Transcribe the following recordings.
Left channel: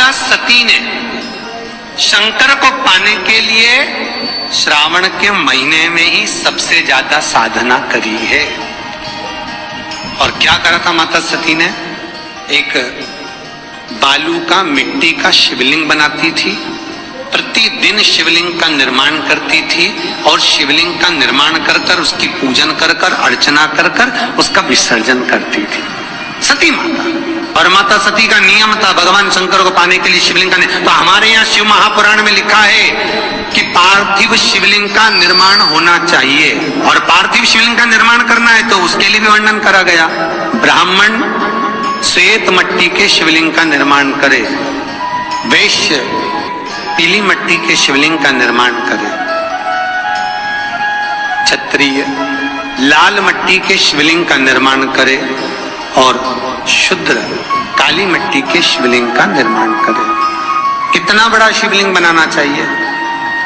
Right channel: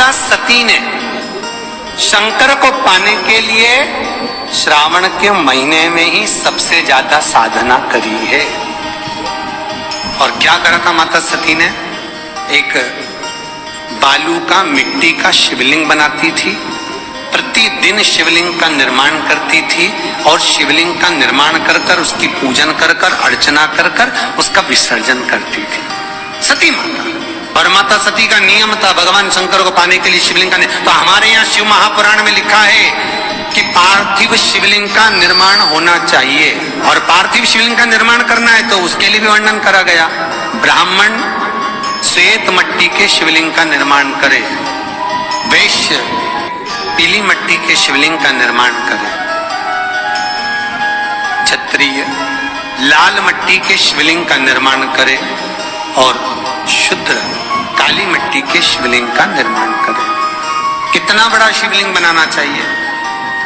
माता सती ने शंकर को पाने के लिए श्रावण के महीने में ही सबसे ज्यादा साधना करी है। और क्या करा था माता सती ने? एक बालू का, मिट्टी का शिवलिंग बनाती थी, प्रतिदिन शिवलिंग का निर्माण करती थी और शिवलिंग का निर्माण कर कर उसकी पूजन कर कर, अर्चना कर कर उसका विसर्जन करती थी सती माता। और माता सती का नियम था भगवान शंकर को पाने के लिए शिवलिंग का। तो हमारे यहाँ शिव महापुराण में लिखा है कि पार्थिव शिवलिंग का निर्माण होना चाहिए, और पार्थिव शिवलिंग का निर्माण करना है तो उसके लिए भी वर्णन करा गया। ब्राह्मण श्वेत मट्टी के शिवलिंग का निर्माण करे, वैश्य पीली मट्टी के शिवलिंग का निर्माण करे, क्षत्रिय लाल मट्टी के शिवलिंग का निर्माण करे और शूद्र काली मिट्टी के शिवलिंग का निर्माण करे। कितना बड़ा शिवलिंग बनाना चाहिए?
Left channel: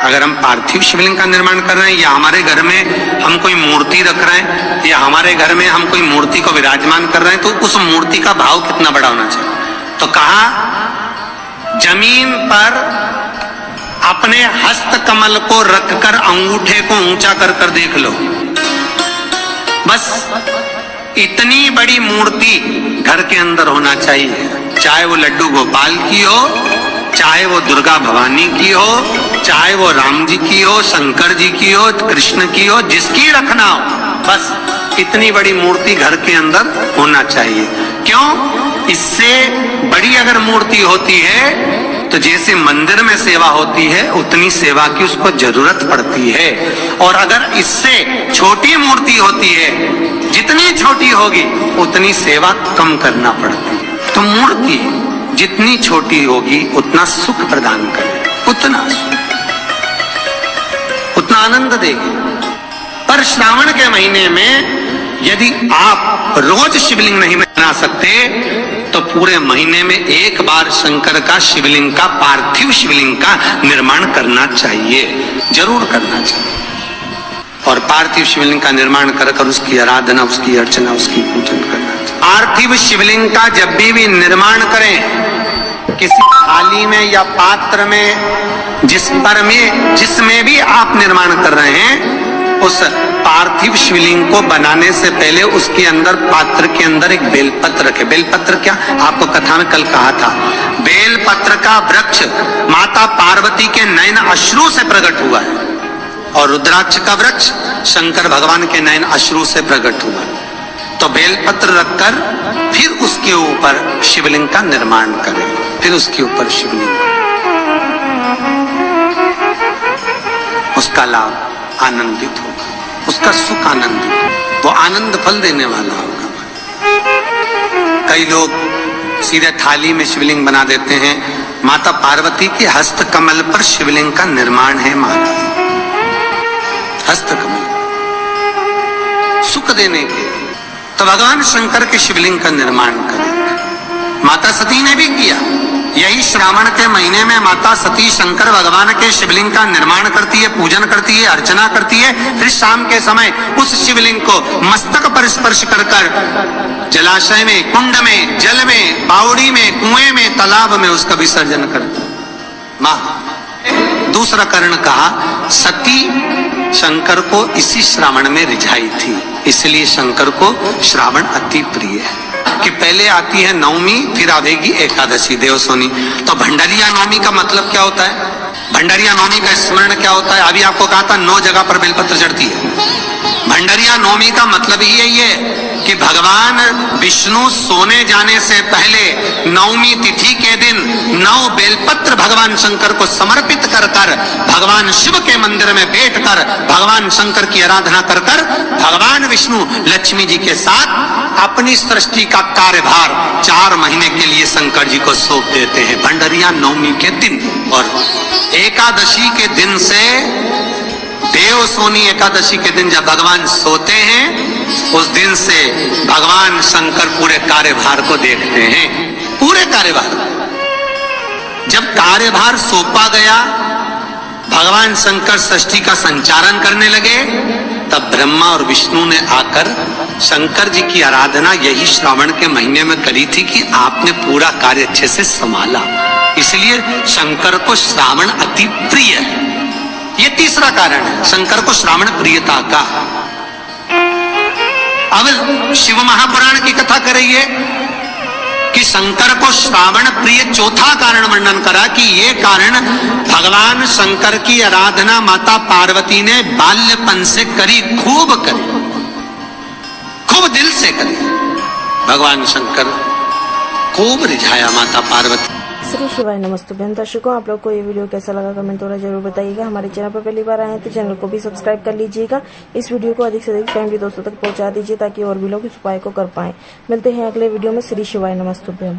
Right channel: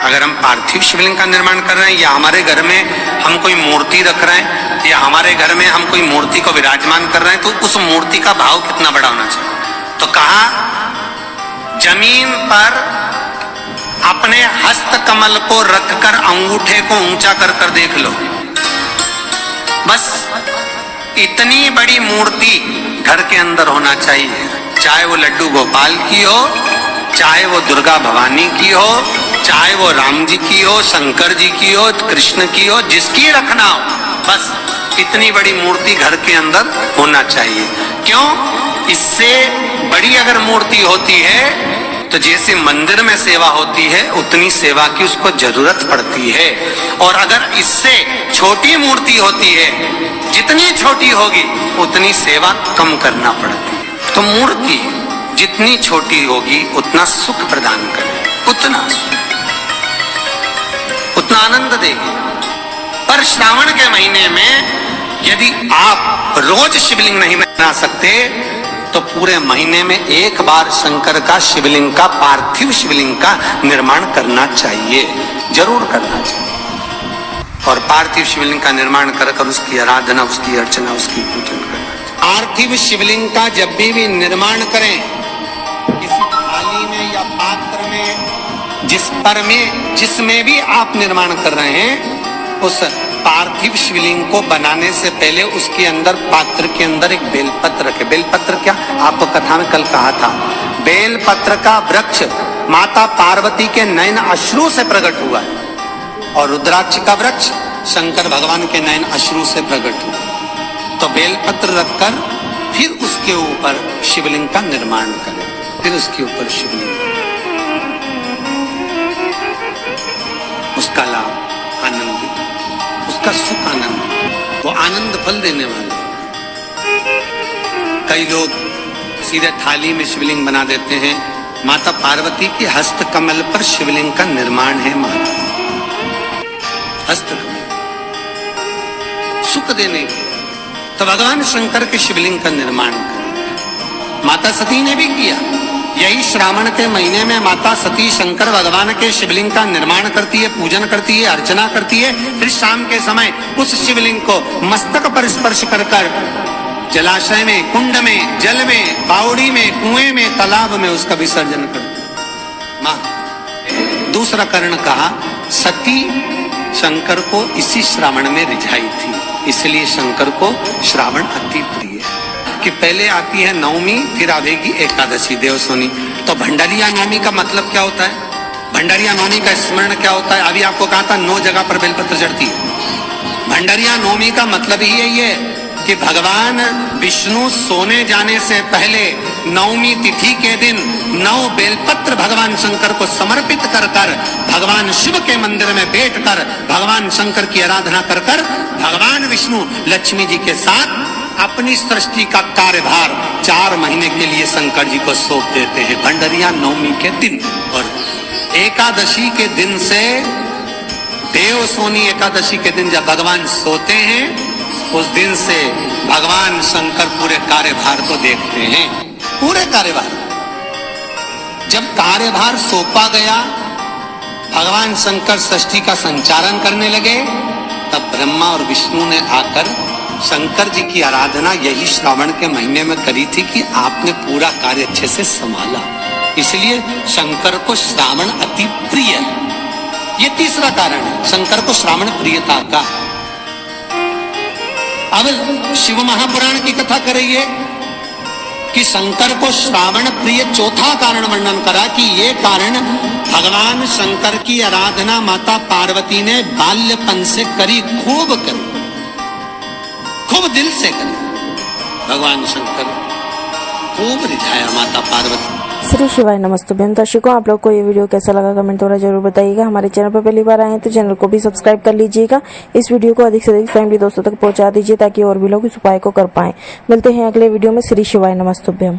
अगर हम पार्थिव शिवलिंग का निर्माण कर रहे हैं, या हमारे घर में हम कोई मूर्ति रख रहे हैं, या हमारे घर में हम कोई मूर्ति को विराजमान कर रहे हैं, तो उस मूर्ति का भाव कितना बड़ा होना चाहिए? तो कहा जमीन पर अपने हस्त कमल को रखकर अंगूठे को ऊंचा कर कर देख लो, बस इतनी बड़ी मूर्ति घर के अंदर होना चाहिए। चाहे वो लड्डू गोपाल की हो, चाहे वो दुर्गा भवानी की हो, चाहे वो राम जी की हो, शंकर जी की हो, कृष्ण की हो, जिसकी रखना हो, बस इतनी बड़ी मूर्ति घर के अंदर होना चाहिए। क्यों? इससे बड़ी अगर मूर्ति होती है तो जैसे मंदिर में सेवा होती है उतनी सेवा की उसको जरूरत पड़ती है, और अगर इससे छोटी मूर्ति होती है, जितनी छोटी होगी उतनी सेवा कम करना पड़ती है। तो मूर्ति जितनी छोटी होगी उतना सुख प्रदान करे, उतना आनंद देगी। पर श्रावण के महीने में यदि आप रोज शिवलिंग नहीं बना सकते तो पूरे महीने में एक बार शंकर का शिवलिंग का, पार्थिव शिवलिंग का निर्माण करना चाहिए, जरूर करना चाहिए। और पार्थिव शिवलिंग का निर्माण कर कर उसकी आराधना, उसकी अर्चना, उसकी पूजन करना चाहिए। पार्थिव शिवलिंग का जब भी निर्माण करें, किसी थाली में या पात्र में, जिसमें भी आप निर्माण कर रहे हैं, उस पार्थिव शिवलिंग को बनाने से पहले उसके अंदर, पात्र के अंदर एक बेलपत्र रखे। बेलपत्र क्या? आपको कथा में कल कहा था, बेलपत्र का वृक्ष माता पार्वती के नयन अश्रु से प्रकट हुआ है, और रुद्राक्ष का वृक्ष शंकर भगवान के नयन अश्रु से प्रकट हुआ। तो बेलपत्र रखकर फिर उसके ऊपर शिवलिंग का निर्माण करें, फिर उसके ऊपर शिवलिंग, उसका लाभ आनंदित होगा, उसका सुख आनंदित होगा, वो आनंद फल देने वाला होगा। कई लोग सीधे थाली में शिवलिंग बना देते हैं। माता पार्वती के हस्त कमल पर शिवलिंग का निर्माण है। माता हस्त कमल सुख देने के, तो भगवान शंकर के शिवलिंग का निर्माण करें। माता सती ने भी किया। यही श्रावण के महीने में माता सती शंकर भगवान के शिवलिंग का निर्माण करती है, पूजन करती है, अर्चना करती है। फिर शाम के समय उस शिवलिंग को मस्तक पर स्पर्श कर कर जलाशय में, कुंड में, जल में, बावड़ी में, कुएं में, तालाब में उसका विसर्जन करती। माँ दूसरा कारण कहा, सती शंकर को इसी श्रावण में रिझाई थी, इसलिए शंकर को श्रावण अति प्रिय है। कि पहले आती है नवमी, फिर आवेगी एकादशी, देवसोनी। तो भंडारिया नवमी का मतलब क्या होता है? भंडारिया नवमी का स्मरण क्या होता है? अभी आपको कहा था 9 जगह पर बेलपत्र चढ़ती है। भंडारिया नवमी का मतलब ही यही है कि भगवान विष्णु सोने जाने से पहले नवमी तिथि के दिन 9 बेलपत्र भगवान शंकर को समर्पित कर कर, भगवान शिव के मंदिर में बैठकर भगवान शंकर की आराधना कर कर, भगवान विष्णु लक्ष्मी जी के साथ अपनी सृष्टि का कार्यभार 4 महीने के लिए शंकर जी को सौंप देते हैं भंडारिया नवमी के दिन। और एकादशी के दिन से, देवसोनी एकादशी के दिन जब भगवान सोते हैं, उस दिन से भगवान शंकर पूरे कार्यभार को देखते हैं। पूरे कार्यभार, जब कार्यभार सौंपा गया, भगवान शंकर सृष्टि का संचालन करने लगे, तब ब्रह्मा और विष्णु ने आकर शंकर जी की आराधना यही श्रावण के महीने में करी थी कि आपने पूरा कार्य अच्छे से संभाला, इसलिए शंकर को श्रावण अति प्रिय है। ये तीसरा कारण है शंकर को श्रावण प्रियता का। अब शिव महापुराण की कथा करिए कि शंकर को श्रावण प्रिय चौथा कारण वर्णन करा कि ये कारण भगवान शंकर की आराधना माता पार्वती ने बाल्यपन से करी, खूब करी, खूब दिल से करी। भगवान शंकर खूब रिझाया माता पार्वती। श्री शिवाय नमस्तुभ्यं। दर्शकों, आप लोग को ये वीडियो कैसा लगा कमेंट द्वारा जरूर बताइएगा। हमारे चैनल पर पहली बार आए हैं तो चैनल को भी सब्सक्राइब कर लीजिएगा। इस वीडियो को अधिक से अधिक फैमिली दोस्तों तक पहुंचा दीजिए ताकि और भी लोग इस उपाय को कर पाएं। मिलते हैं अगले वीडियो में। श्री शिवाय नमस्तुभ्यं।